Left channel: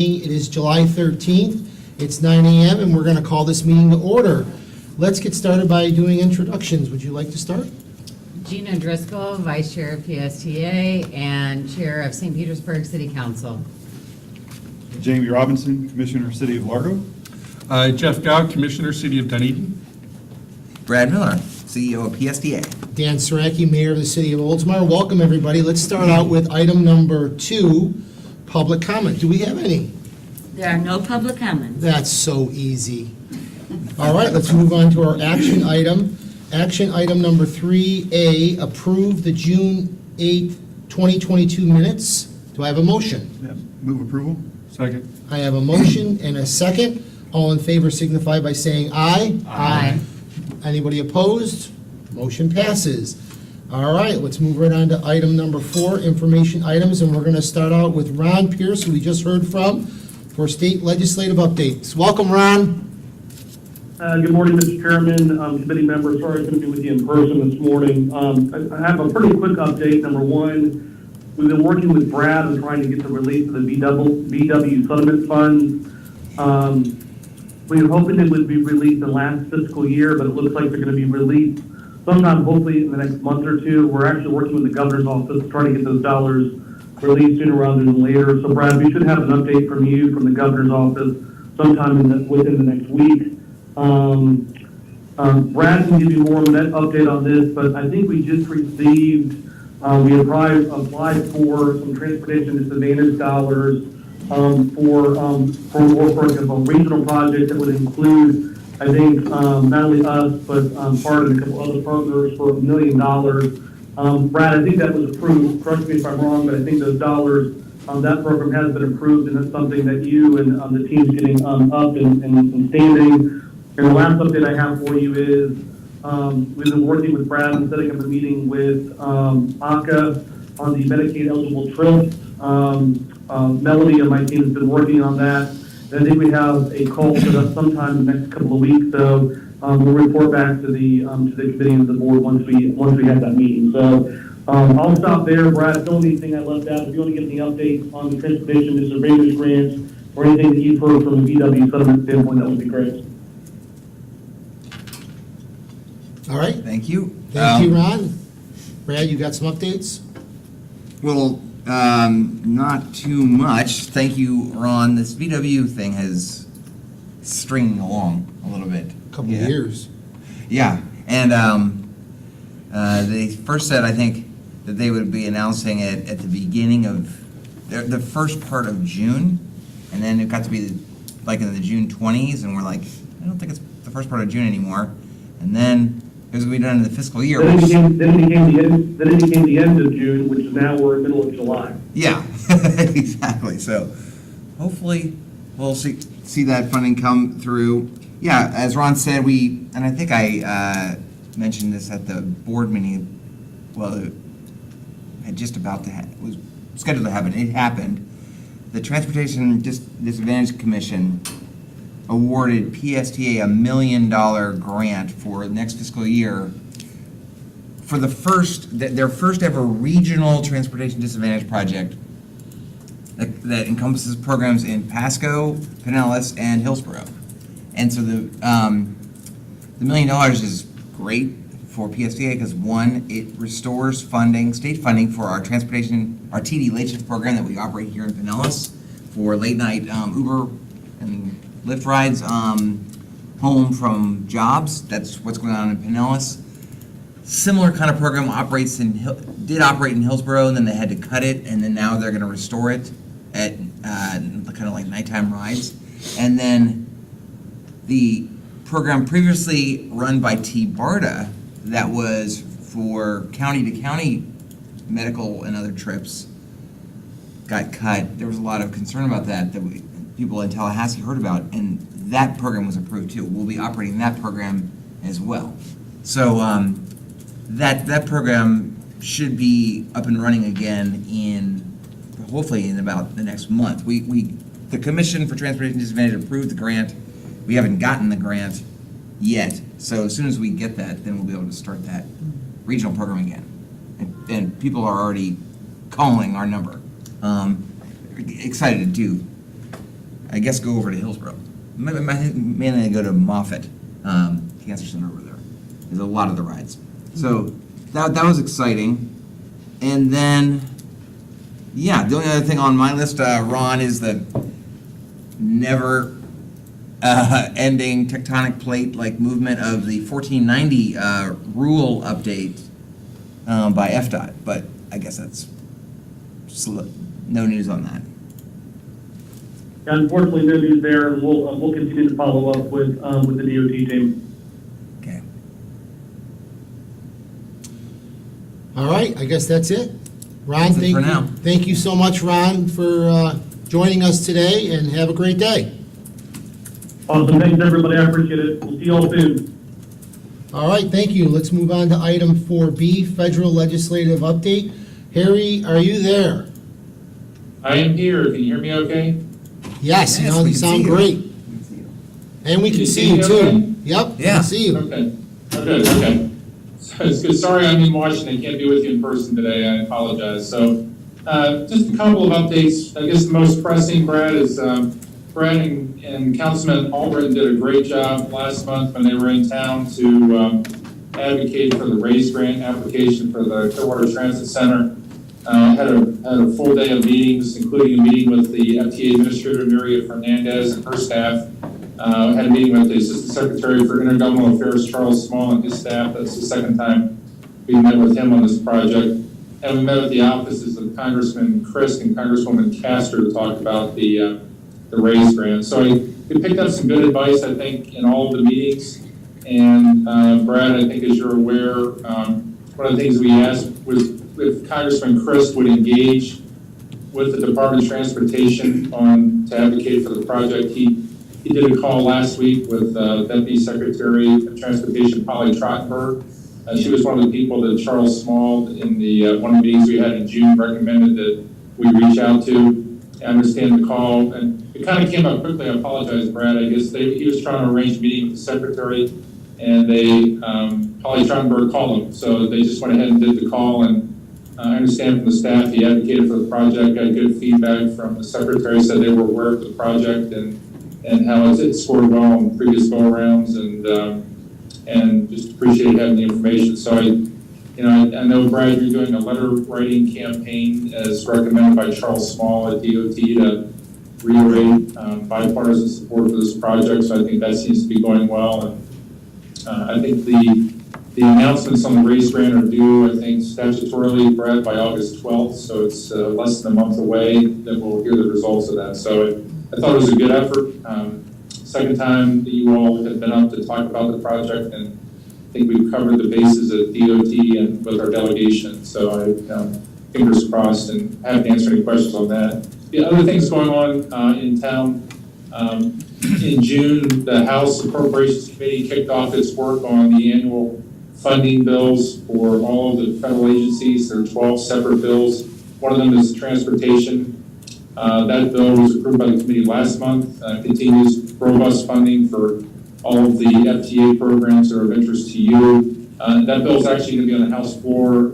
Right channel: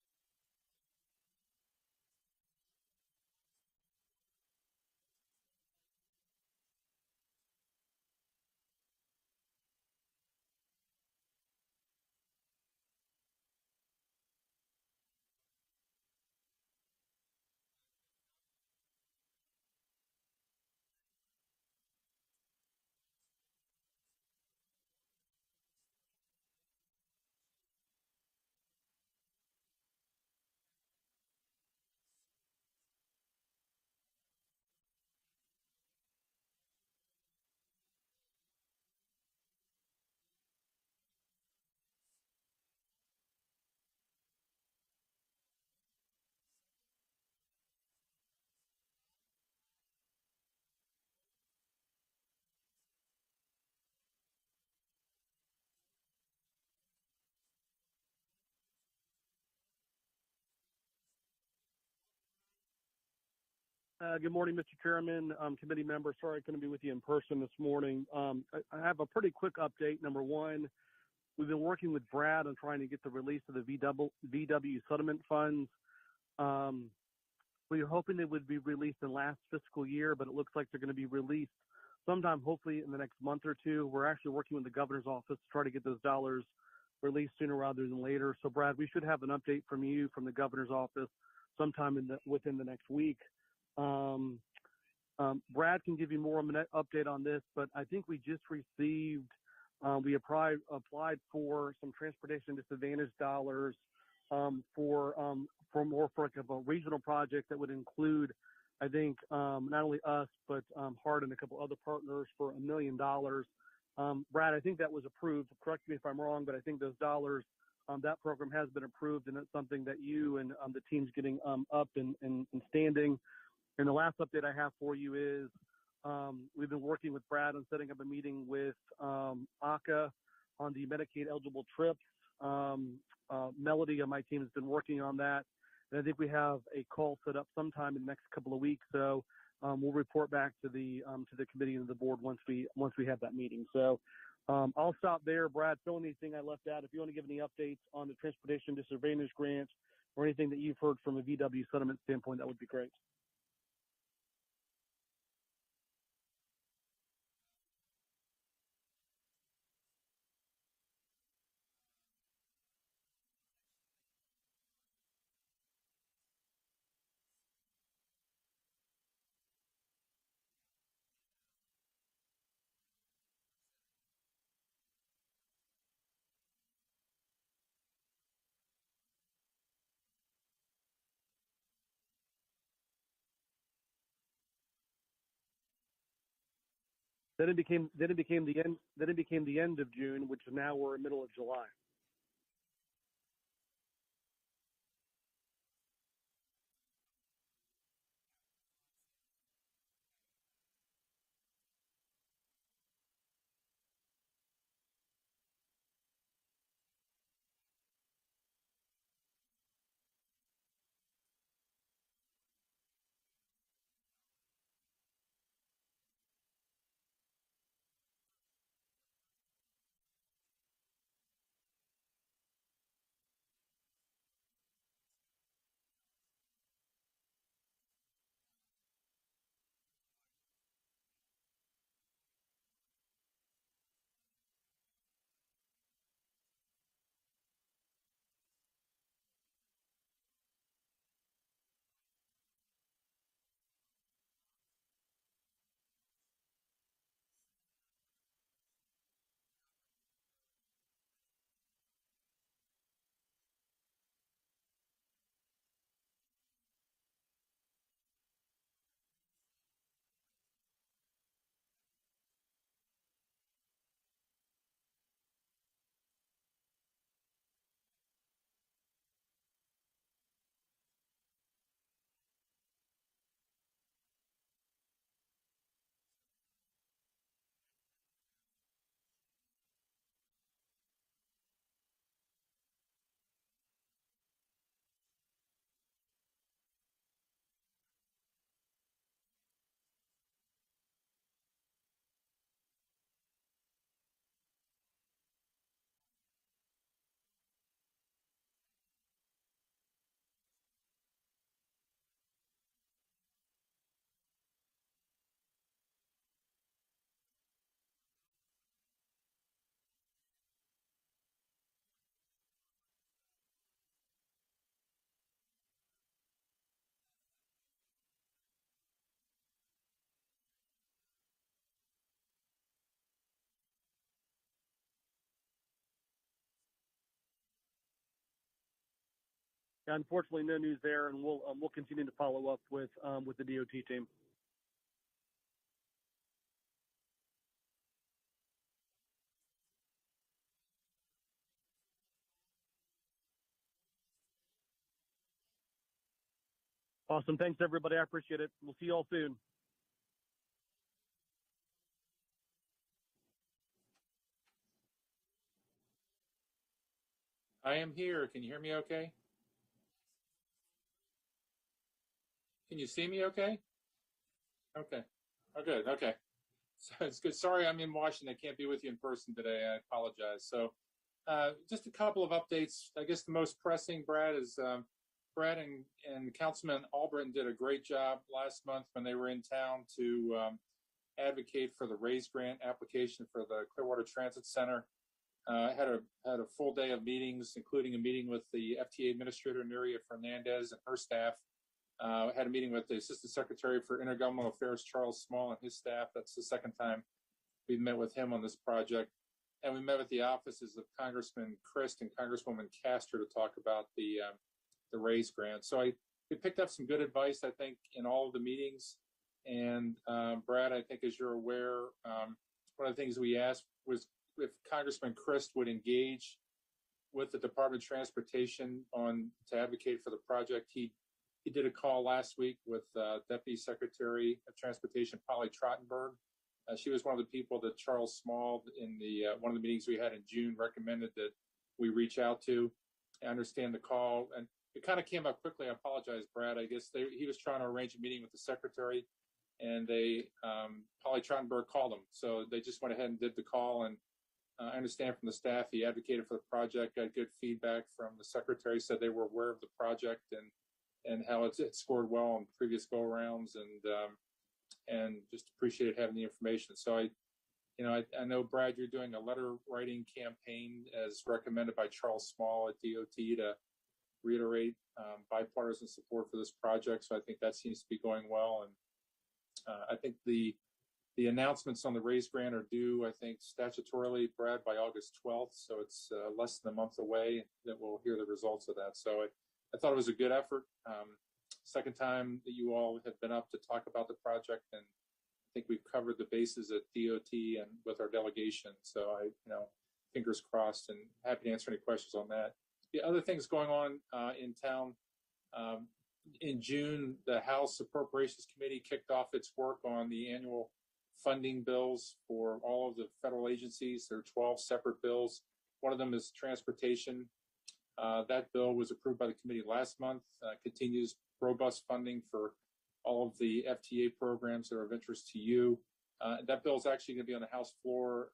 It is July 13th. It's 9 a.m. and we're going to call this meeting to order. Let's get started by doing introductions. Would you like to start? Gina Driscoll, Vice Chair of PSTA and Chair of St. Petersburg City Council. Jamie Robinson, Commissioner, City of Largo. Jeff Dowd, Commissioner, City of Dunedin. Brad Miller, CEO of PSDA. Dan Saraki, Mayor of the City of Oldsmar. Welcome, everybody. Let's start out with item number 2, public comment. Do we have any? There are no public comments. That's so easy. All right, let's move on to our action item. Action item number 3A, approve the June 8th, 2022 minutes. Do I have a motion? Yeah, move approval. Second. I have a motion and a second. All in favor signify by saying aye. Aye. Anybody opposed? Motion passes. All right, let's move right on to item number 4, information items, and we're going to start out with Ron Pierce, who we just heard from, for state legislative updates. Welcome, Ron. Good morning, Mr. Chairman, committee members. Sorry I couldn't be with you in person this morning. I have a pretty quick update. Number one, we've been working with Brad on trying to get the release of the VW settlement funds. We were hoping it would be released in last fiscal year, but it looks like they're going to be released sometime, hopefully in the next month or two. We're actually working with the governor's office trying to get those dollars released sooner rather than later. So, Brad, we should have an update from you from the governor's office sometime within the next week. Brad can give you more of an update on this, but I think we just received, we applied for some transportation disadvantage dollars for a regional project that would include, I think, not only us, but part of a couple other partners for $1 million. Brad, I think that was approved. Correct me if I'm wrong, but I think those dollars, that program has been approved, and that's something that you and the team's getting up and standing. And the last update I have for you is we've been working with Brad and setting up a meeting with ACA on the Medicaid eligible trips. Melody and my team has been working on that. And I think we have a call set up sometime in the next couple of weeks. So we'll report back to the committee and the board once we have that meeting. So I'll stop there, Brad. If there's anything I left out, if you want to give me an update on the transportation disadvantage grants or anything that you've heard from a VW settlement standpoint, that would be great. All right. Thank you. Thank you, Ron. Brad, you got some updates? Well, not too much. Thank you, Ron. This VW thing has stringing along a little bit. Couple of years. Yeah, and they first said, I think, that they would be announcing it at the beginning of the first part of June, and then it got to be like in the June 20s, and we're like, I don't think it's the first part of June anymore. And then it was going to be done in the fiscal year. Then it became the end of June, which is now we're in the middle of July. Yeah, exactly. So hopefully we'll see that funding come through. Yeah, as Ron said, and I think I mentioned this at the board meeting. Well, it had just about to was scheduled to happen. It happened. The Transportation Disadvantage Commission awarded PSTA $1 million grant for next fiscal year for their first ever regional transportation disadvantage project that encompasses programs in Pasco, Pinellas, and Hillsborough. And so the $1 million is great for PSTA because, one, it restores state funding for our TD late shift program that we operate here in Pinellas for late night Uber and Lyft rides home from jobs. That's what's going on in Pinellas. Similar kind of program did operate in Hillsborough, and then they had to cut it, and then now they're going to restore it at kind of like nighttime rides. And then the program previously run by TBARTA that was for county-to-county medical and other trips got cut. There was a lot of concern about that people in Tallahassee heard about, and that program was approved too. We'll be operating that program as well. So that program should be up and running again hopefully in about the next month. The Commission for Transportation Disadvantage approved the grant. We haven't gotten the grant yet. So as soon as we get that, then we'll be able to start that regional program again. And people are already calling our number. Excited to do I guess go over to Hillsborough. Mainly go to Moffett Cancer Center over there. There's a lot of the rides. So that was exciting. And then, yeah, the only other thing on my list, Ron, is the never ending tectonic plate like movement of the 1490 rule update by FDOT. But I guess that's no news on that. Unfortunately, no news there, and we'll continue to follow up with the DOT team. Okay. All right, I guess that's it. Ron, That's it thank for you. now. Thank you so much, Ron, for joining us today, and have a great day. Awesome, thanks everybody, I appreciate it. We'll see you all soon. All right, thank you. Let's move on to item 4B, federal legislative update. Harry, are you there? I am here. Can you hear me okay? Yes, Yes, you we you can sound see you. great. And we Can can you see see you me too. okay? Yep, we Yeah. can see you. Okay. Okay. So it's good. Sorry I'm in Washington. Can't be with you in person today. I apologize. So just a couple of updates. I guess the most pressing, Brad, is Brad and Councilman Albritton did a great job last month when they were in town to advocate for the RAISE grant application for the Clearwater Transit Center. Had a full day of meetings, including a meeting with the FTA Administrator, Nuria Fernandez, and her staff. Had a meeting with the Assistant Secretary for Intergovernmental Affairs, Charles Small, and his staff. That's the second time we met with him on this project. And we met at the offices of Congressman Christ and Congresswoman Castor to talk about the RAISE grant. So we picked up some good advice, I think, in all of the meetings. And Brad, I think as you're aware, one of the things we asked was if Congressman Christ would engage with the Department of Transportation to advocate for the project. He did a call last week with Deputy Secretary of Transportation Polly Trottenberg. She was one of the people that Charles Small, in the one of the meetings we had in June, recommended that we reach out to. I understand the call, and it kind of came up quickly. I apologize, Brad. I guess he was trying to arrange a meeting with the Secretary, and Polly Trottenberg called him. So they just went ahead and did the call, and I understand from the staff, he advocated for the project, got good feedback from the Secretary, said they were aware of the project and how it scored well in previous go-arounds, and just appreciate having the information. So I know, Brad, you're doing a letter writing campaign as recommended by Charles Small at DOT to reiterate bipartisan support for this project. So I think that seems to be going well. And I think the announcements on the RAISE grant are due, I think, statutorily, Brad, by August 12th. So it's less than a month away that we'll hear the results of that. So I thought it was a good effort. Second time that you all have been up to talk about the project, and I think we've covered the bases at DOT and with our delegation. So fingers crossed, and happy to answer any questions on that. The other things going on in town, in June, the House Appropriations Committee kicked off its work on the annual funding bills for all of the federal agencies. There are 12 separate bills. One of them is transportation. That bill was approved by the committee last month, continues robust funding for all of the FTA programs that are of interest to you. That bill is actually going to be on the House floor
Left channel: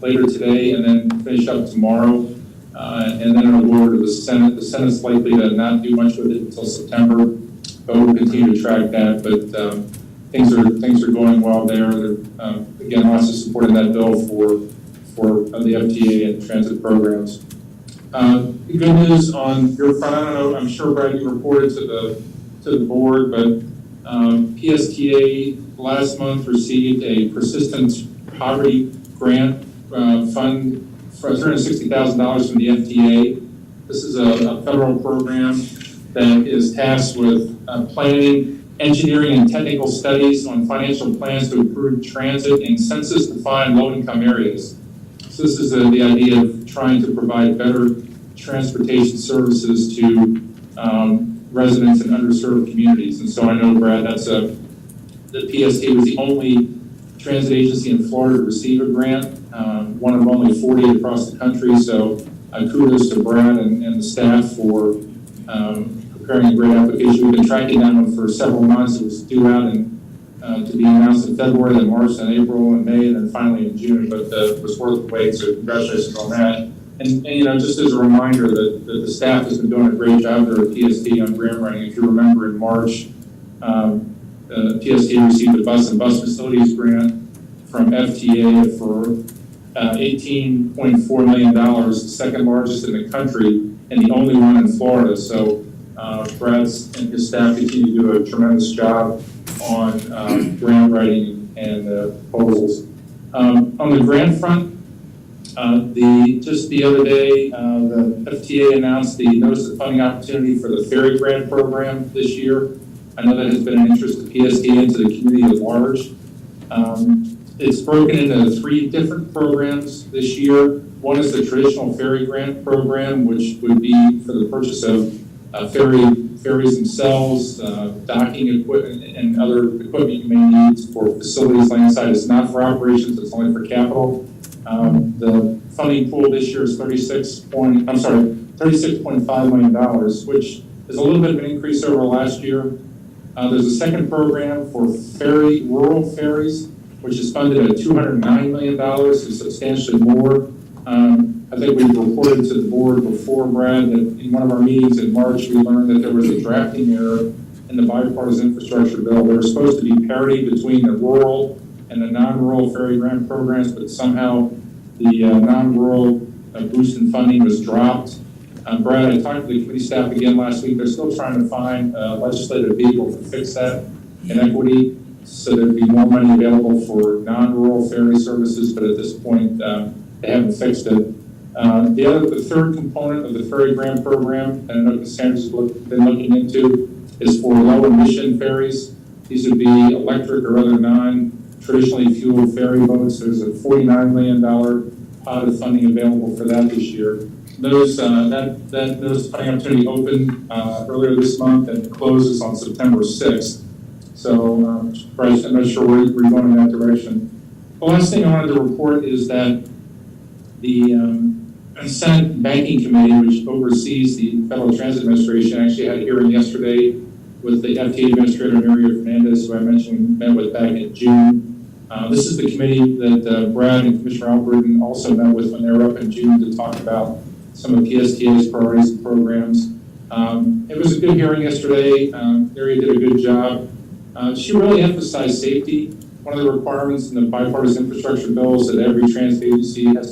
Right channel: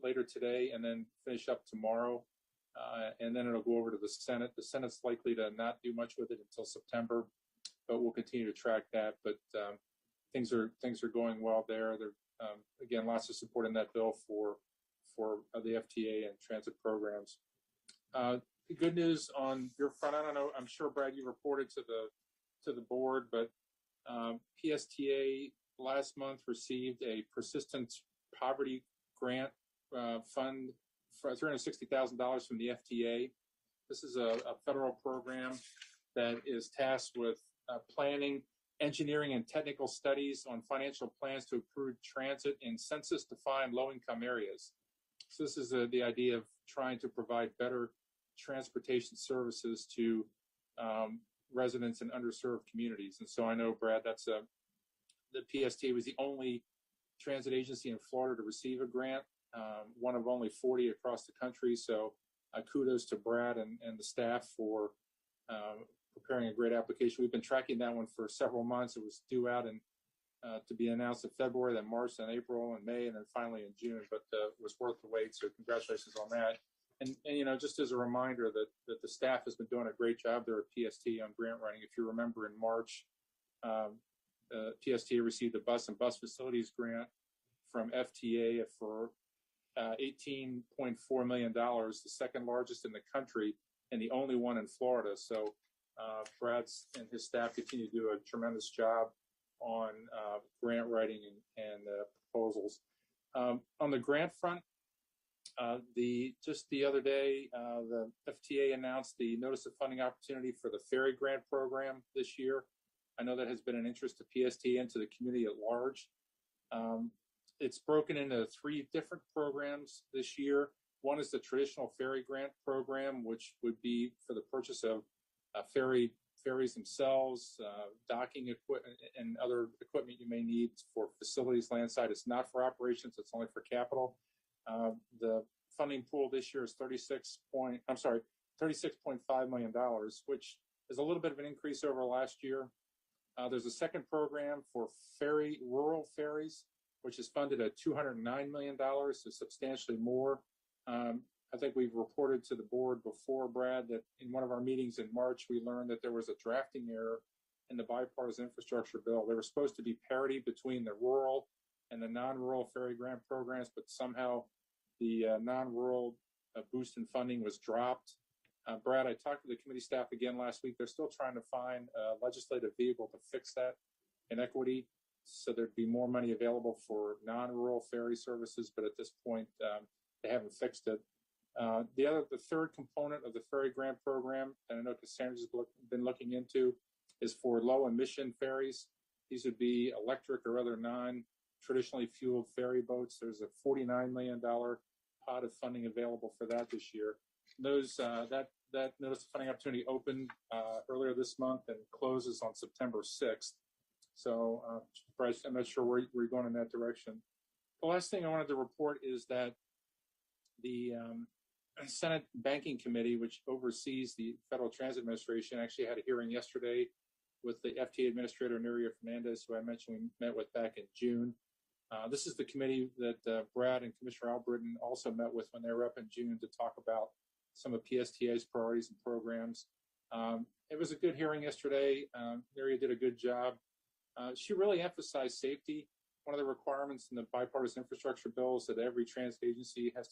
later today and then finish up tomorrow. And then it'll go over to the Senate. The Senate's likely to not do much with it until September, but we'll continue to track that. But things are going well there. Again, lots of support in that bill for the FTA and transit programs. Good news on your front. I don't know. I'm sure, Brad, you reported to the board, but PSTA last month received a persistent poverty grant fund for $360,000 from the FTA. This is a federal program that is tasked with planning, engineering, and technical studies on financial plans to improve transit in census-defined low-income areas. So this is the idea of trying to provide better transportation services to residents in underserved communities. And so I know, Brad, the PSTA was the only transit agency in Florida to receive a grant, one of only 40 across the country. So kudos to Brad and the staff for preparing a great application. We've been tracking that one for several months. It was due out to be announced in February, then March, then April, and May, and then finally in June. But it was worth the wait, so congratulations on that. you know, just as a reminder that the staff has been doing a great job there at PST on grant writing. If you remember in March, PST received a bus and bus facilities grant from FTA for $18.4 million, the second largest in the country and the only one in Florida. So Brad and his staff continue to do a tremendous job on grant writing and proposals. On the grant front, just the other day, the FTA announced the notice of funding opportunity for the ferry grant program this year. I know that has been an interest to PST and to the community at large. It's broken into 3 different programs this year. One is the traditional ferry grant program, which would be for the purchase of ferries themselves, docking equipment, and other equipment you may need for facilities landside. It's not for operations, it's only for capital. The funding pool this year is $36.5 million, which is a little bit of an increase over last year. There's a second program for rural ferries, which is funded at $209 million, so substantially more. I think we reported to the board before, Brad, that in one of our meetings in March, we learned that there was a drafting error in the bipartisan infrastructure bill. There was supposed to be parity between the rural and the non-rural ferry grant programs, but somehow the non-rural boost in funding was dropped. Brad, I talked to the committee staff again last week. They're still trying to find a legislative vehicle to fix that inequity so there'd be more money available for non-rural ferry services, but at this point, they haven't fixed it. The third component of the ferry grant program, and I know Cassandra's been looking into, is for low emission ferries. These would be electric or other non-traditionally fueled ferry boats. There's a $49 million pot of funding available for that this year. Those funding opportunity opened earlier this month and closes on September 6th. So, Bryce, I'm not sure where you're going in that direction. The last thing I wanted to report is that the Senate Banking Committee, which oversees the Federal Transit Administration, actually had a hearing yesterday with the FTA Administrator, Mario Fernandez, who I mentioned we met with back in June. This is the committee that Brad and Commissioner Albritton also met with when they were up in June to talk about some of PSTA's priorities and programs. It was a good hearing yesterday. Maria did a good job. She really emphasized safety. One of the requirements in the bipartisan infrastructure bill is that every transit agency has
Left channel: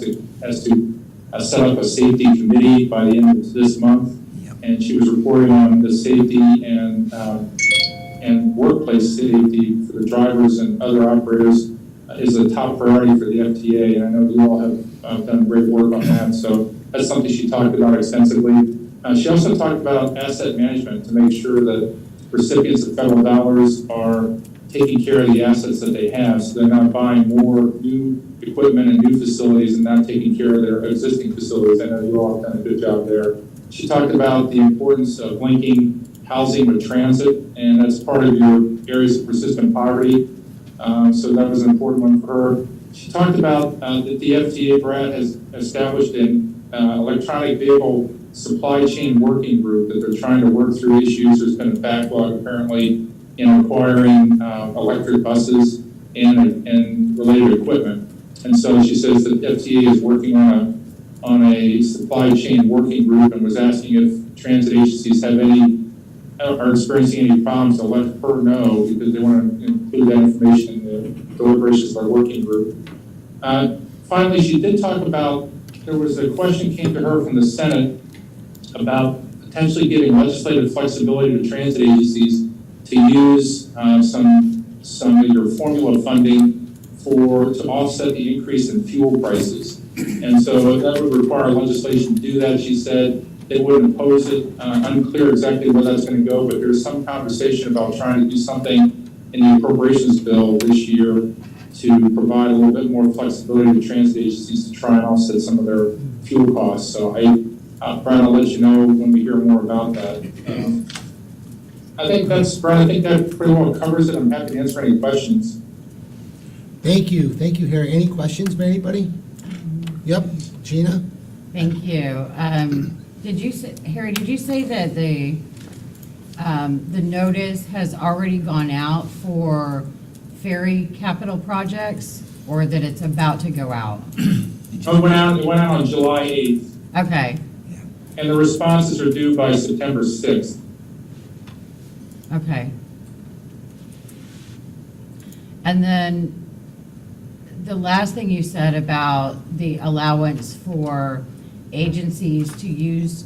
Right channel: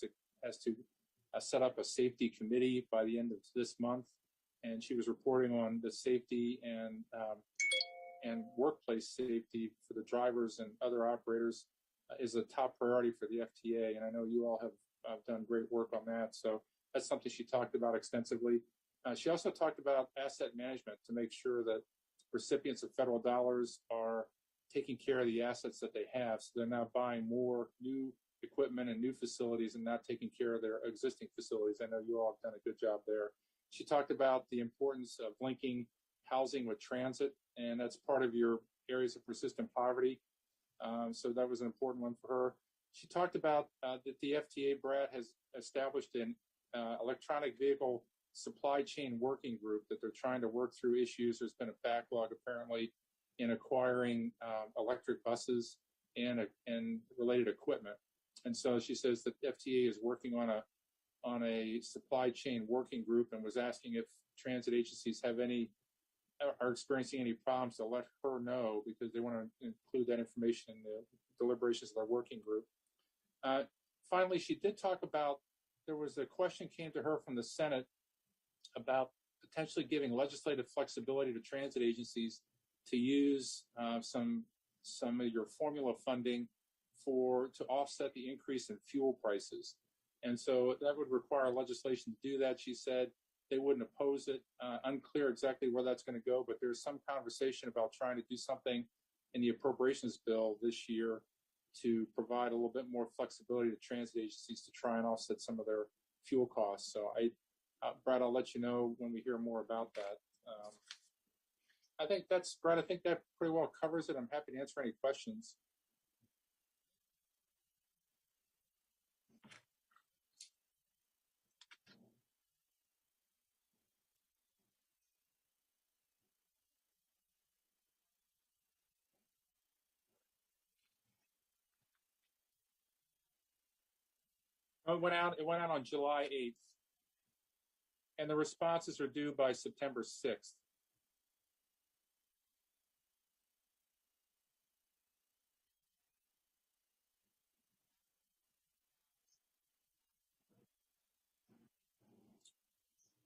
to set up a safety committee by the end of this month. And she was reporting on the safety and workplace safety for the drivers and other operators is a top priority for the FTA. And I know you all have done great work on that. So that's something she talked about extensively. She also talked about asset management to make sure that recipients of federal dollars are taking care of the assets that they have, so they're not buying more new equipment and new facilities and not taking care of their existing facilities. I know you all have done a good job there. She talked about the importance of linking housing with transit, and that's part of your areas of persistent poverty. So that was an important one for her. She talked about that the FTA, Brad, has established an electronic vehicle supply chain working group that they're trying to work through issues. There's been a backlog apparently in acquiring electric buses and related equipment. And so she says that FTA is working on a supply chain working group and was asking if transit agencies are experiencing any problems to let her know because they want to include that information in the deliberations of our working group. Finally, she did talk about, there was a question came to her from the Senate about potentially giving legislative flexibility to transit agencies to use some either formula funding to offset the increase in fuel prices. And so that would require legislation to do that. She said they wouldn't oppose it. Unclear exactly where that's going to go, but there's some conversation about trying to do something in the appropriations bill this year to provide a little bit more flexibility to transit agencies to try and offset some of their fuel costs. So Brian, I'll let you know when we hear more about that. Brian, I think that pretty well covers it. I'm happy to answer any questions. Thank you, Harry. Any questions by anybody? Yep, Gina? Thank you. Harry, did you say that the notice has already gone out for ferry capital projects, or that it's about to go out? It went out on July 8th. Okay, And the responses are due by September 6th. okay. And then the last thing you said about the allowance for agencies to use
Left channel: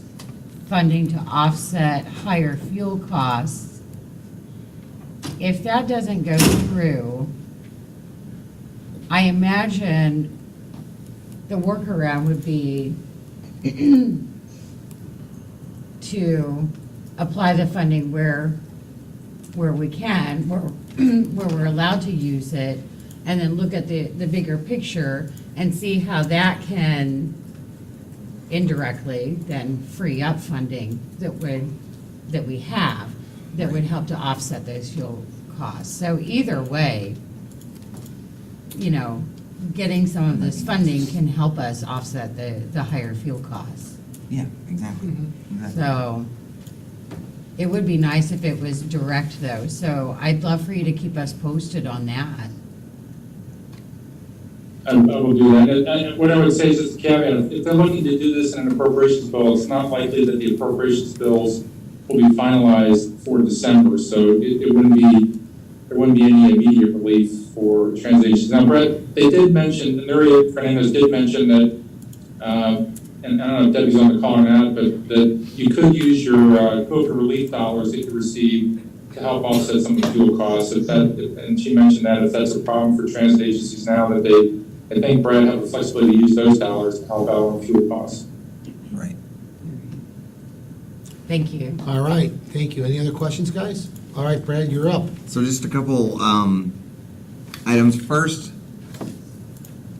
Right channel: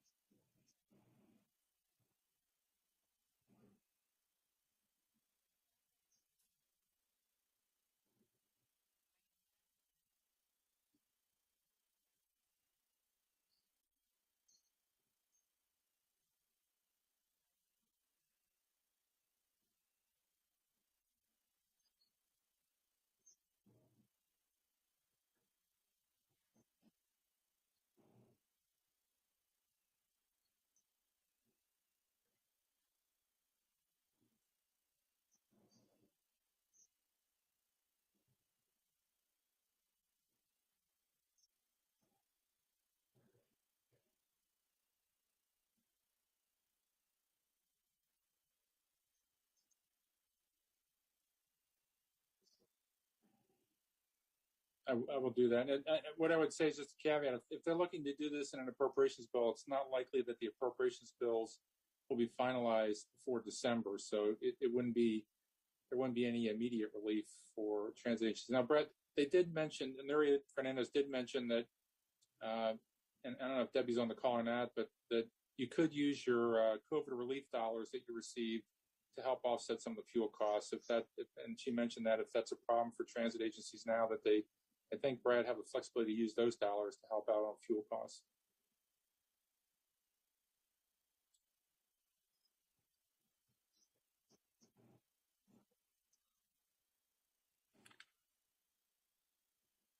funding to offset higher fuel costs, if that doesn't go through, I imagine the workaround would be to apply the funding where we can, where we're allowed to use it, and then look at the bigger picture and see how that can indirectly then free up funding that we have, that would help to offset those fuel costs. So either way, you know, getting some of this funding can help us offset the higher fuel costs. Yeah, exactly. Exactly. So it would be nice if it was direct though, so I'd love for you to keep us posted on that. I will do that. And what I would say is just a caveat, if they're looking to do this in an appropriations bill, it's not likely that the appropriations bills will be finalized for December, so it wouldn't be, there wouldn't be any immediate relief for translations. Now, Brett, they did mention, and Maria Fernandez did mention that, and I don't know if Debbie's on the call or not, but that you could use your COVID relief dollars that you receive to help offset some of the fuel costs. And she mentioned that if that's a problem for transit agencies now, that they, I think, Brad, have the flexibility to use those dollars to help out on fuel costs. Right. Thank you. All right, thank you. Any other questions, guys? All right, Brad, you're up. So just a couple items. First,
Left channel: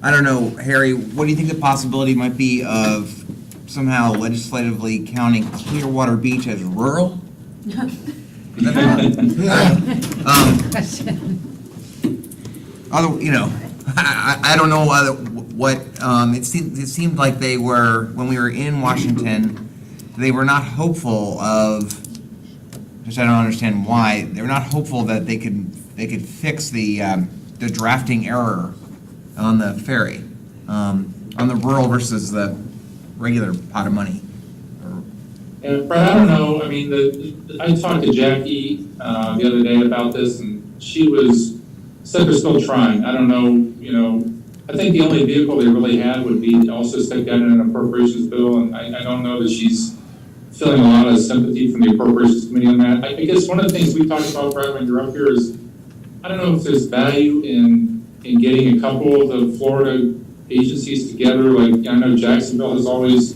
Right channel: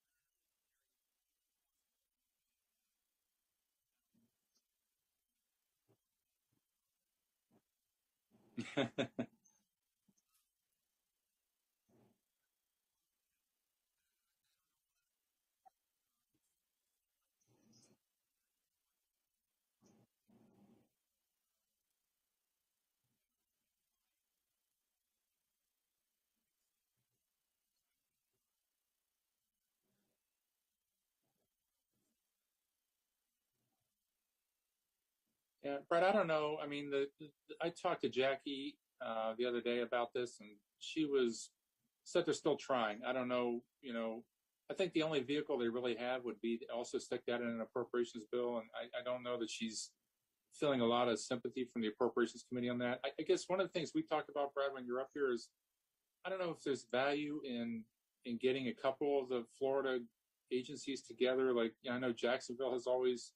I don't know, Harry, what do you think the possibility might be of somehow legislatively counting Clearwater Beach as rural? Question. Other, you know, I don't know what, it seemed like they were, when we were in Washington, they were not hopeful of, which I don't understand why, they were not hopeful that they could fix the drafting error on the ferry, on the rural versus the regular pot of money. And Brett, I don't know, I mean, I talked to Jackie the other day about this, and she said they're still trying. I don't know, you know, I think the only vehicle they really had would be to also stick that in an appropriations bill, and I don't know that she's feeling a lot of sympathy from the appropriations committee on that. I guess one of the things we talked about, Brett, when you're up here is, I don't know if there's value in getting a couple of the Florida agencies together. Like, I know Jacksonville has always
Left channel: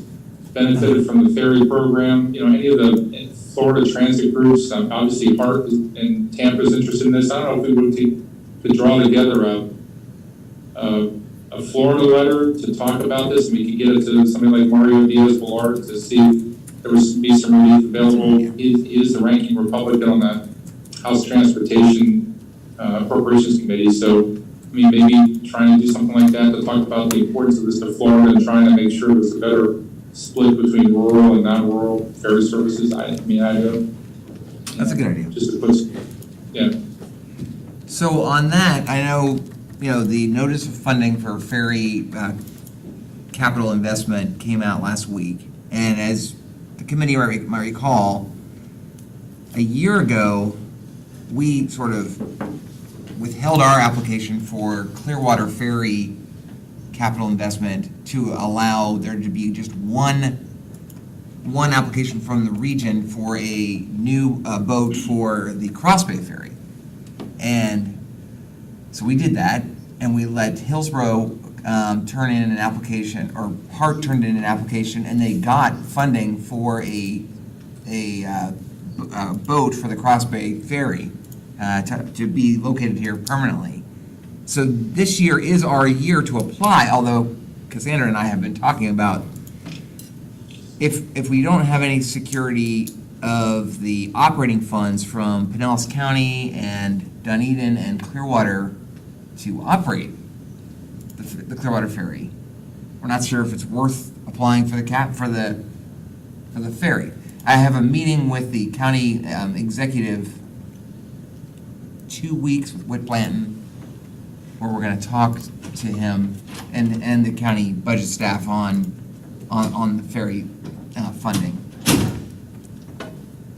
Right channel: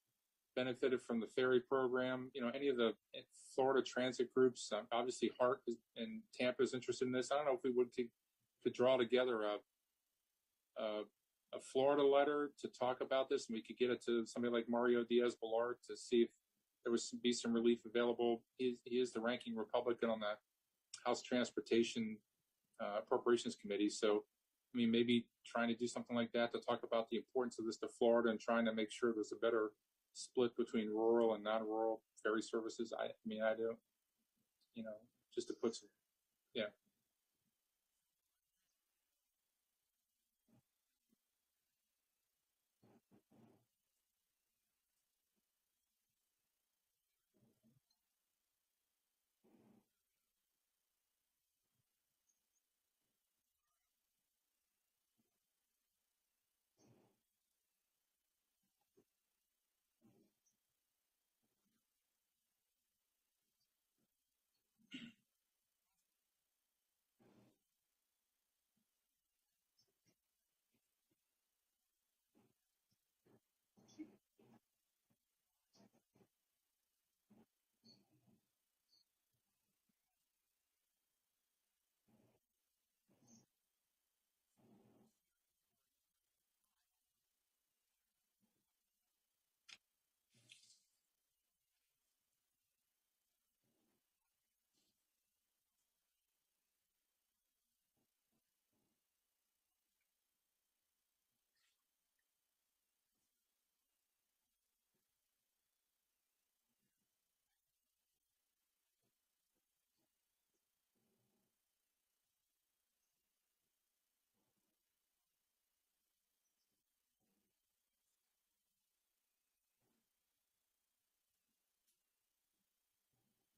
benefited from the ferry program. You know, any of the Florida transit groups, obviously Hart and Tampa is interested in this. I don't know if we could draw together a Florida letter to talk about this, and we could get it to somebody like Mario Diaz-Balart to see if there would be some relief available. He is the ranking Republican on the House Transportation Appropriations Committee, so I mean, maybe trying to do something like that to talk about the importance of this to Florida and trying to make sure there's a better split between rural and non-rural ferry services. I don't. That's a good idea. Just to put, yeah. So on that, I know, you know, the notice of funding for ferry capital investment came out last week. And as the committee might recall, a year ago, we sort of withheld our application for Clearwater Ferry capital investment to allow there to be just one application from the region for a new boat for the Cross Bay Ferry. And so we did that, and we let Hillsborough turn in an application, or Hart turned in an application, and they got funding for a boat for the Cross Bay Ferry to be located here permanently. So this year is our year to apply, although Cassandra and I have been talking about if we don't have any security of the operating funds from Pinellas County and Dunedin and Clearwater to operate the Clearwater Ferry, we're not sure if it's worth applying for the ferry. I have a meeting with the county executive 2 weeks with Whit Blanton, where we're going to talk to him and the county budget staff on on the ferry funding.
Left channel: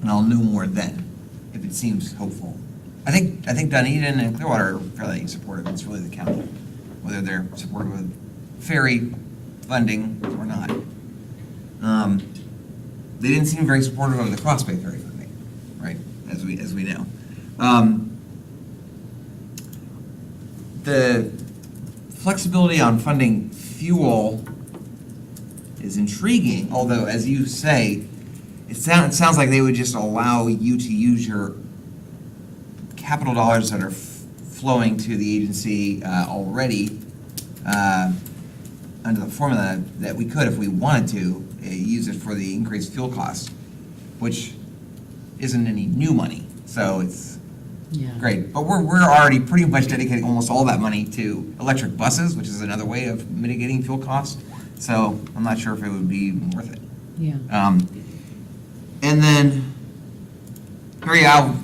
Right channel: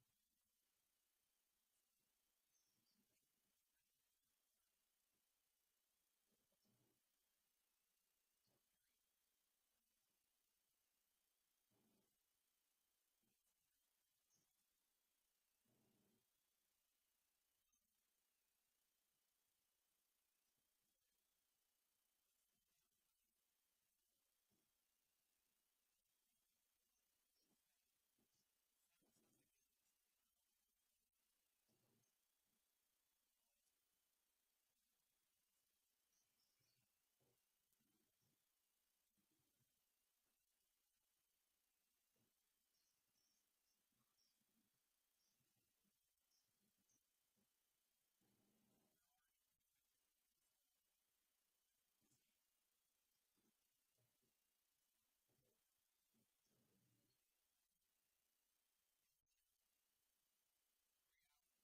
And I'll know more then, if it seems hopeful. I think Dunedin and Clearwater are fairly supportive. It's really the county, whether they're supportive of ferry funding or not. They didn't seem very supportive of the Cross Bay ferry funding, right? As we know. The flexibility on funding fuel is intriguing, although, as you say, it sounds like they would just allow you to use your capital dollars that are flowing to the agency already under the formula that we could, if we wanted to, use it for the increased fuel costs, which isn't any new money, so it's Yeah. great. But we're already pretty much dedicating almost all that money to electric buses, which is another way of mitigating fuel costs, so I'm not sure if it would be worth it. Yeah. And then, Harry, I'll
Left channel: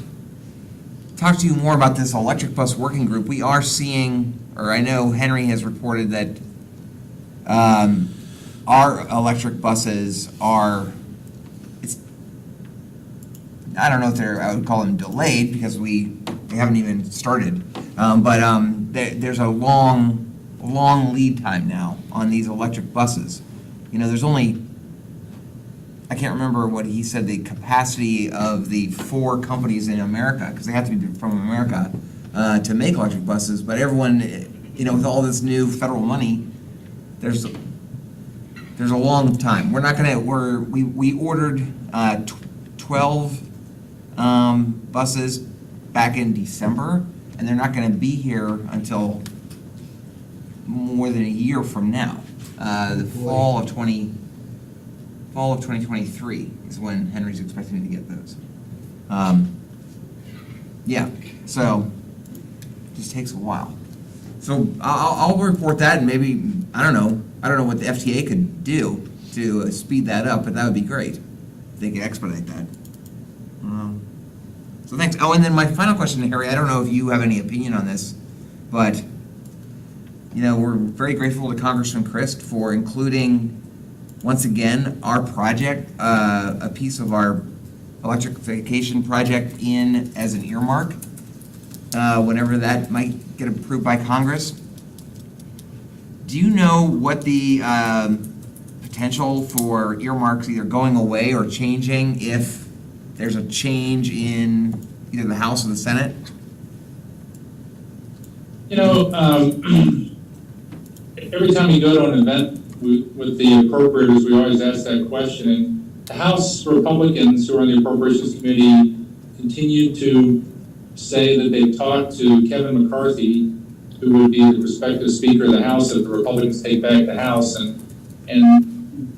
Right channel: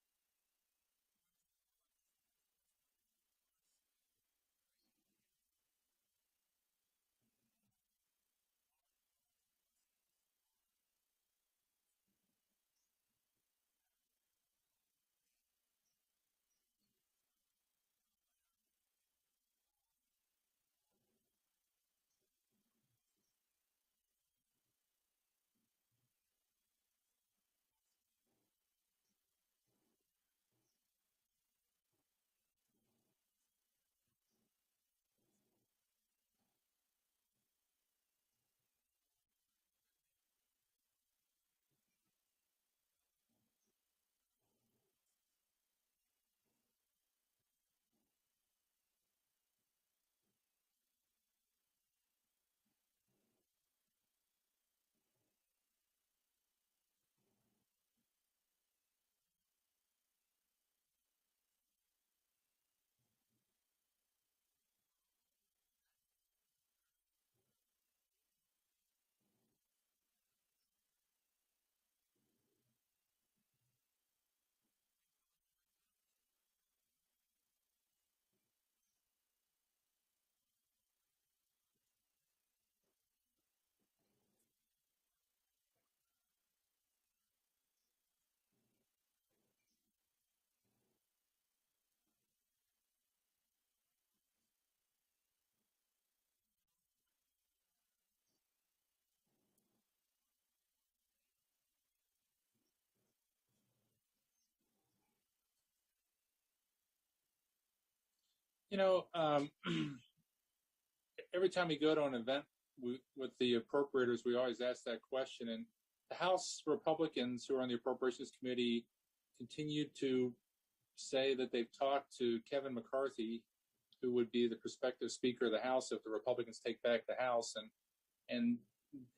talk to you more about this electric bus working group. We are seeing, or I know Henry has reported that our electric buses are, I don't know if I would call them delayed because they haven't even started. There's a long lead time now on these electric buses. You know, there's only, I can't remember what he said, the capacity of the 4 companies in America, because they have to be from America, to make electric buses, but everyone, you know, with all this new federal money, there's a long time. We ordered 12 buses back in December, and they're not gonna be here until more than a year from now. The fall of 2023 is when Henry's expecting to get those. Yeah, so it just takes a while. So I'll report that, and maybe, I don't know what the FTA could do to speed that up, but that would be great if they could expedite that. So thanks. Oh, and then my final question to Harry, I don't know if you have any opinion on this, but, you know, we're very grateful to Congressman Christ for including, once again, our project, a piece of our electrification project in as an earmark, whenever that might get approved by Congress. Do you know what the potential for earmarks either going away or changing if there's a change in either the House or the Senate? You know, every time you go to an event with the appropriators, we always ask that question. And the House Republicans who are on the Appropriations Committee continue to say that they've talked to Kevin McCarthy, who would be the prospective Speaker of the House if the Republicans take back the House. And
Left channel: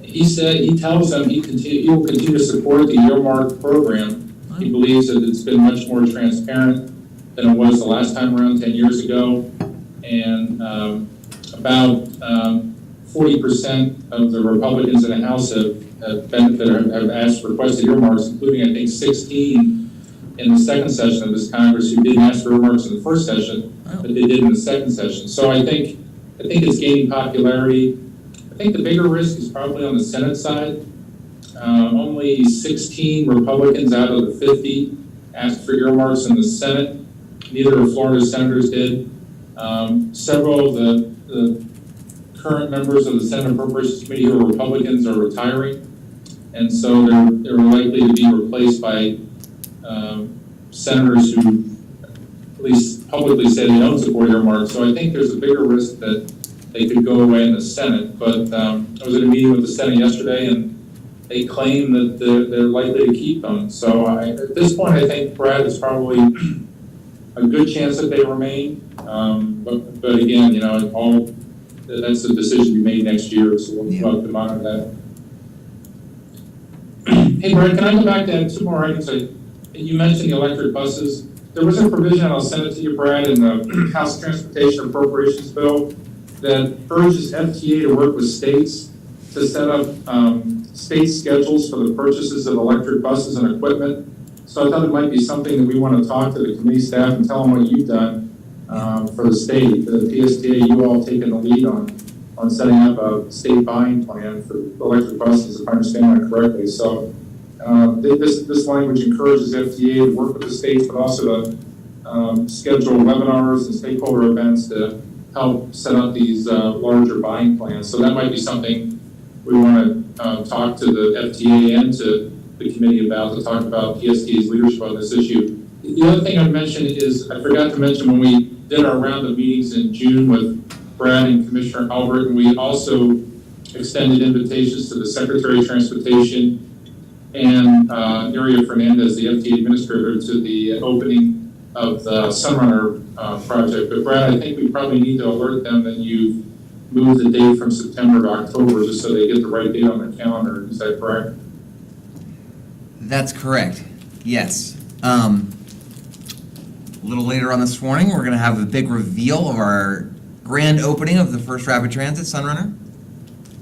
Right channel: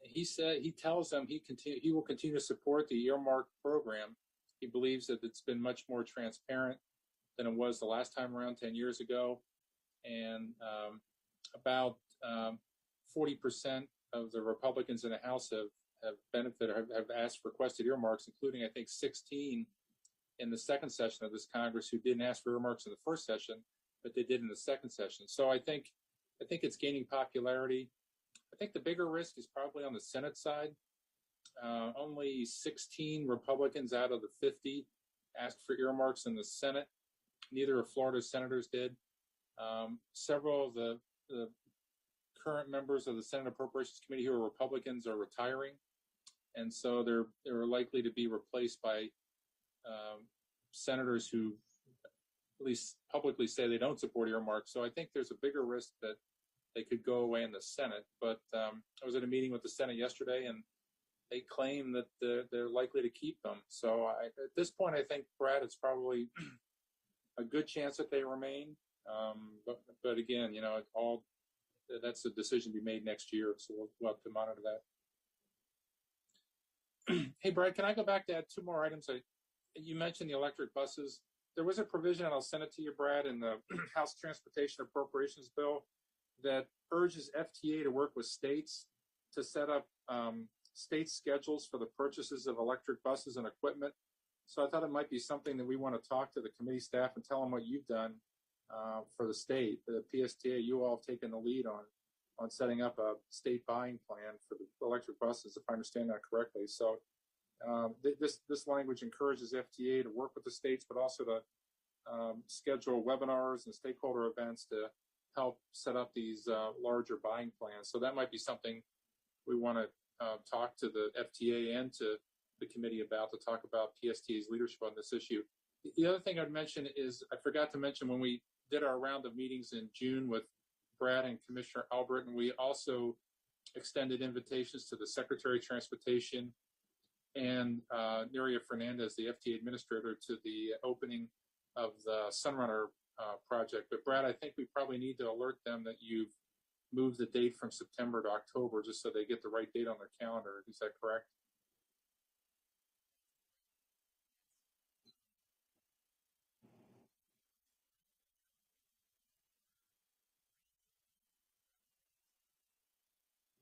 he tells them he will continue to support the earmark program. He believes that it's been much more transparent than it was the last time around 10 years ago. And about 40% of the Republicans in the House have requested earmarks, including I think 16 in the second session of this Congress who didn't ask for earmarks in the first session, but they did in the second session. So I think it's gaining popularity. I think the bigger risk is probably on the Senate side. Only 16 Republicans out of the 50 asked for earmarks in the Senate. Neither of Florida's senators did. Several of the current members of the Senate Appropriations Committee who are Republicans are retiring, and so they're likely to be replaced by senators who at least publicly say they don't support earmarks. So I think there's a bigger risk that they could go away in the Senate. But I was at a meeting with the Senate yesterday, and they claim that they're likely to keep them. So at this point, I think, Brad, it's probably a good chance that they remain. But again, you know, that's a decision to be made next year, so we'll have to monitor that. Hey, Brad, can I go back to two more items? You mentioned the electric buses. There was a provision, I'll send it to you, Brad, in the House Transportation Appropriations Bill that urges FTA to work with states to set up state schedules for the purchases of electric buses and equipment. So I thought it might be something that we want to talk to the committee staff and tell them what you've done for the state, the PSTA, you all taking the lead on. on setting up a state buying plan for electric buses, if I understand that correctly. So this language encourages FTA to work with the states, but also to schedule webinars and stakeholder events to help set up these larger buying plans. So that might be something we want to talk to the FTA and to the committee about, to talk about PSTA's leadership on this issue. The other thing I'd mention is, I forgot to mention when we did our round of meetings in June with Brad and Commissioner Albert, and we also extended invitations to the Secretary of Transportation and Nuria Fernandez, the FTA administrator, to the opening of the Sunrunner project. But Brad, I think we probably need to alert them that you've moved the date from September to October, just so they get the right date on their calendar. Is that correct? That's correct, yes. A little later on this morning, we're gonna have a big reveal of our grand opening of the first rapid transit Sunrunner.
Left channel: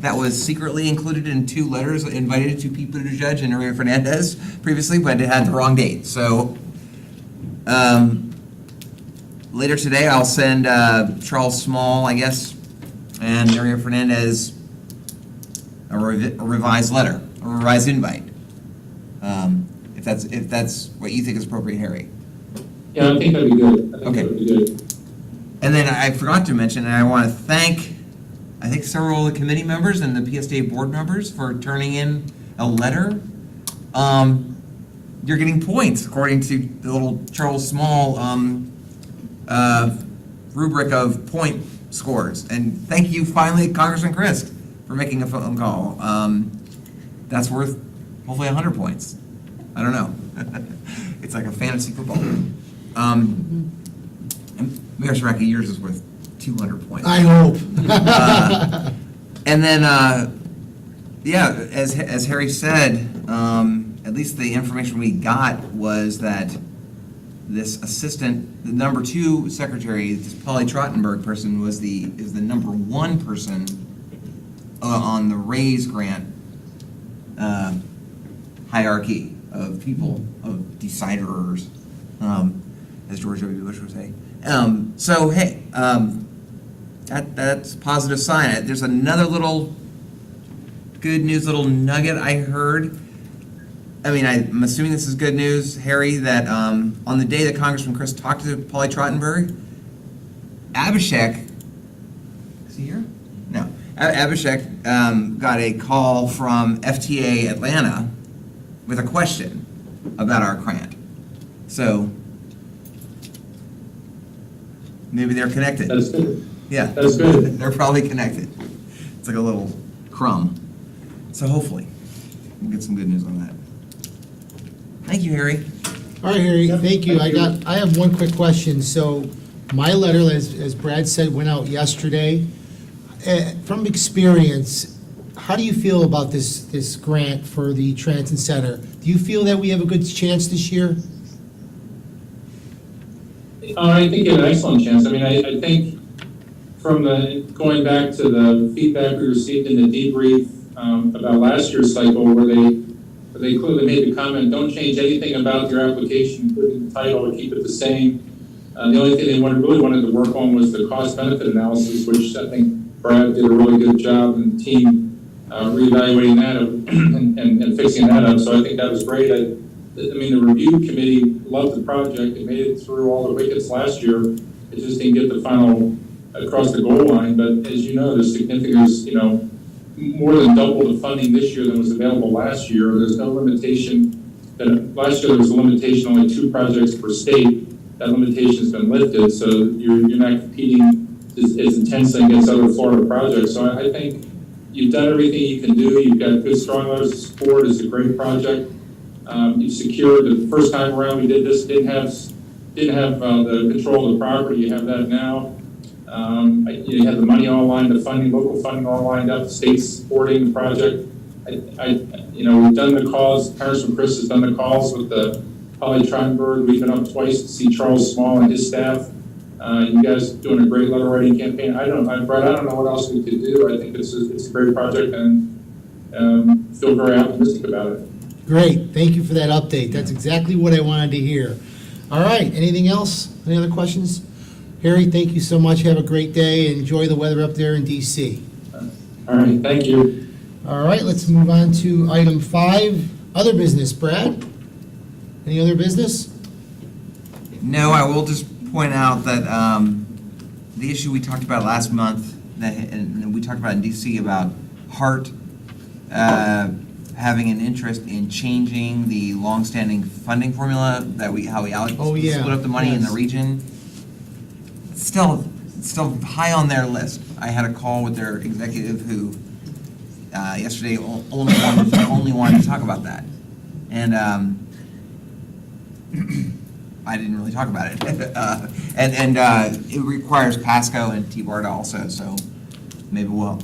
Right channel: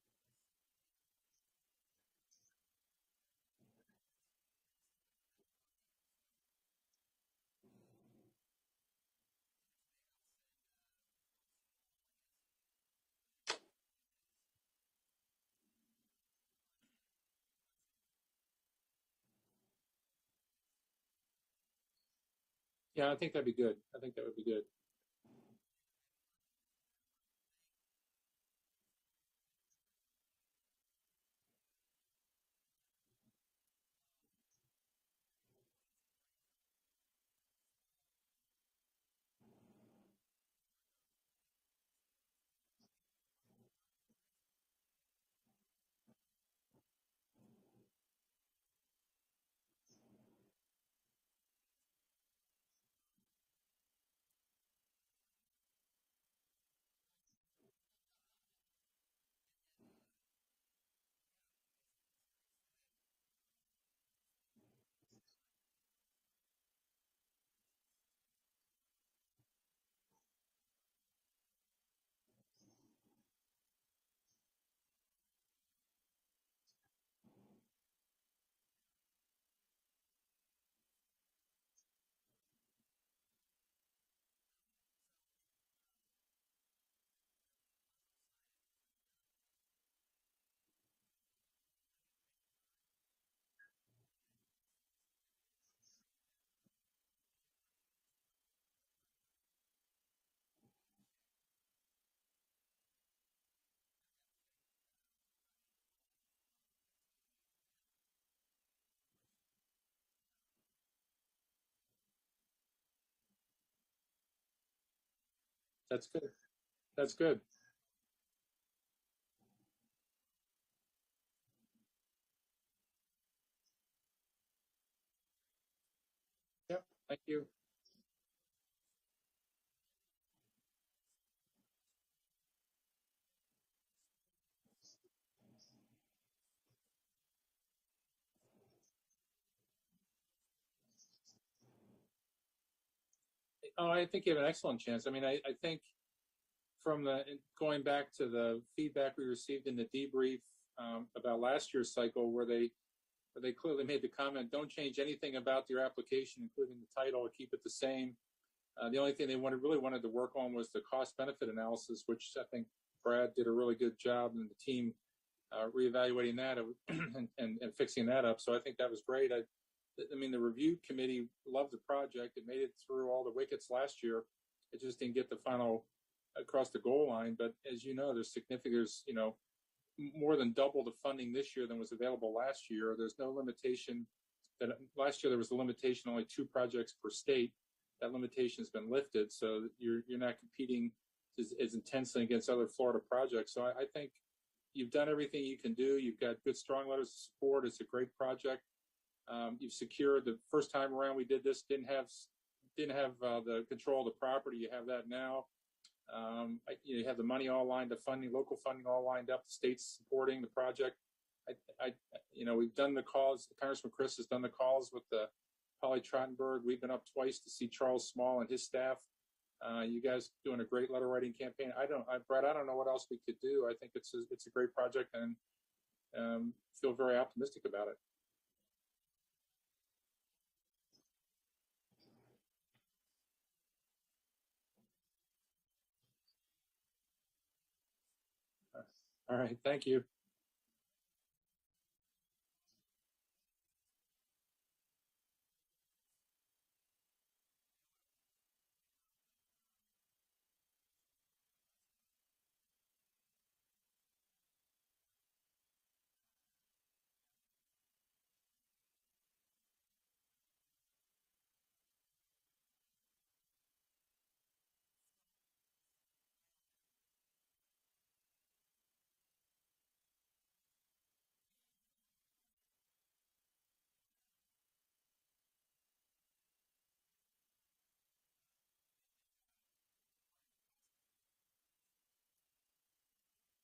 That was secretly included in 2 letters invited to Pete Buttigieg and Nuria Fernandez previously, but it had the wrong date. So later today, I'll send Charles Small, I guess, and Nuria Fernandez a revised letter, a revised invite. If that's what you think is appropriate, Harry. Yeah, I think that'd be good. I think Okay. that'd be good. And then I forgot to mention, and I want to thank, I think, several of the committee members and the PSTA board members for turning in a letter. You're getting points according to the little Charles Small rubric of point scores. And thank you finally, Congressman Christ, for making a phone call. That's worth hopefully 100 points. I don't know. It's like a fantasy football. And Mayor Saraki, yours is worth 200 points. I hope. And then, yeah, as Harry said, at least the information we got was that this assistant, the number 2 secretary, this Polly Trottenberg person, is the number 1 person on the RAISE grant hierarchy of people, of deciders, as George W. Bush would say. So hey, that's a positive sign. There's another little good news, little nugget I heard. I mean, I'm assuming this is good news, Harry, that on the day that Congressman Chris talked to Polly Trottenberg, Abhishek, is he here? No. Abhishek got a call from FTA Atlanta with a question about our grant. So maybe they're connected. That's good. Yeah. That's good. They're probably connected. It's like a little crumb. So hopefully we'll get some good news on that. Thank you, Harry. All right, Harry, thank you. I have one quick question. So my letter, as Brad said, went out yesterday. From experience, how do you feel about this grant for the Transit Center? Do you feel that we have a good chance this year? I think you have an excellent chance. I mean, I think from going back to the feedback we received in the debrief about last year's cycle, where they clearly made the comment, don't change anything about your application, including the title, or keep it the same. The only thing they really wanted to work on was the cost-benefit analysis, which I think Brad did a really good job, and the team reevaluating that and fixing that up. So I think that was great. I mean, the review committee loved the project. It made it through all the wickets last year. It just didn't get the final across the goal line. But as you know, there's significant, more than double the funding this year than was available last year. There's no limitation. Last year there was a limitation, only 2 projects per state. That limitation's been lifted, so you're not competing as intensely against other Florida projects. So I think you've done everything you can do. You've got good, strong letters of support. It's a great project. You've secured the first time around we did this, didn't have the control of the property. You have that now. You have the money all lined, the funding, local funding all lined up, the state's supporting the project. We've done the calls, Congressman Chris has done the calls with the Polly Trottenberg. We've been up twice to see Charles Small and his staff. You guys doing a great letter writing campaign. Brad, I don't know what else we could do. I think it's a great project and feel very optimistic about it. Great, thank you for that update. That's exactly what I wanted to hear. All right, anything else? Any other questions? Harry, thank you so much. Have a great day. Enjoy the weather up there in DC. All right, thank you. All right, let's move on to item 5, other business. Brad? Any other business? No, I will just point out that the issue we talked about last month, and we talked about in DC about Hart having an interest in changing the longstanding funding formula that how we Oh, yeah, split up the money in the yes. region. It's still high on their list. I had a call with their executive who yesterday only wanted to talk about that, and I didn't really talk about it. And it requires Pasco and T-BARTA also, so maybe we'll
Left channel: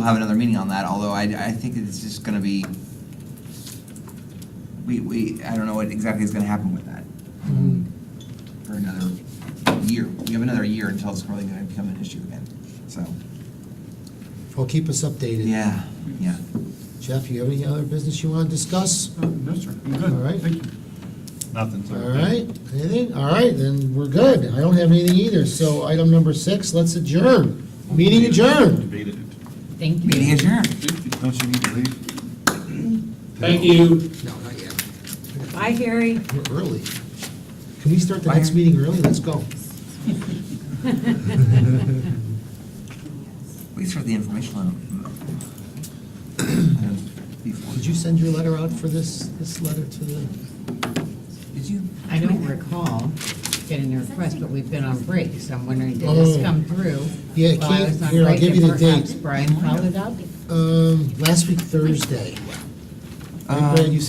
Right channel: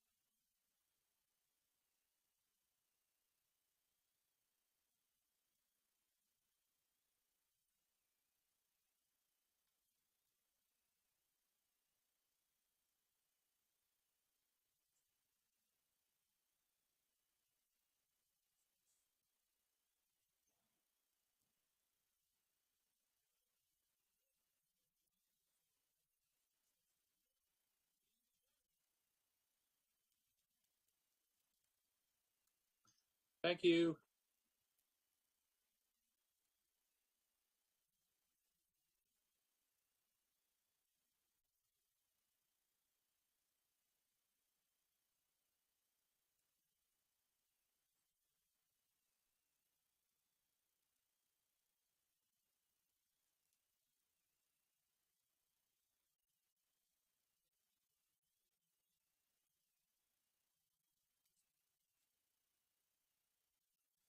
have another meeting on that, although I think it's just gonna be, I don't know what exactly is gonna happen with that for another year. We have another year until it's really gonna become an issue again, so, Well, keep us updated. yeah. Jeff, you have any other business you want to discuss? No, sir, I'm good. All right. Thank you. Nothing, sir. All right, anything? All right, then we're good. I don't have anything either. So item number 6, let's adjourn. Meeting adjourned. Debated it. Thank you. Meeting adjourned. Don't you need to leave? Thank you. No, not yet. Bye, Harry. We're early. Can we start the Bye. next meeting early? Let's go. We start the information before. Did you send your letter out for this letter to the? Did you? I don't recall getting a request, but we've been on break, so I'm wondering, did this Oh. come through? Yeah, it while I came- was on here, I'll break give you and the date. perhaps Brian followed up? Last week Thursday. Right, Uh, Brad, you sent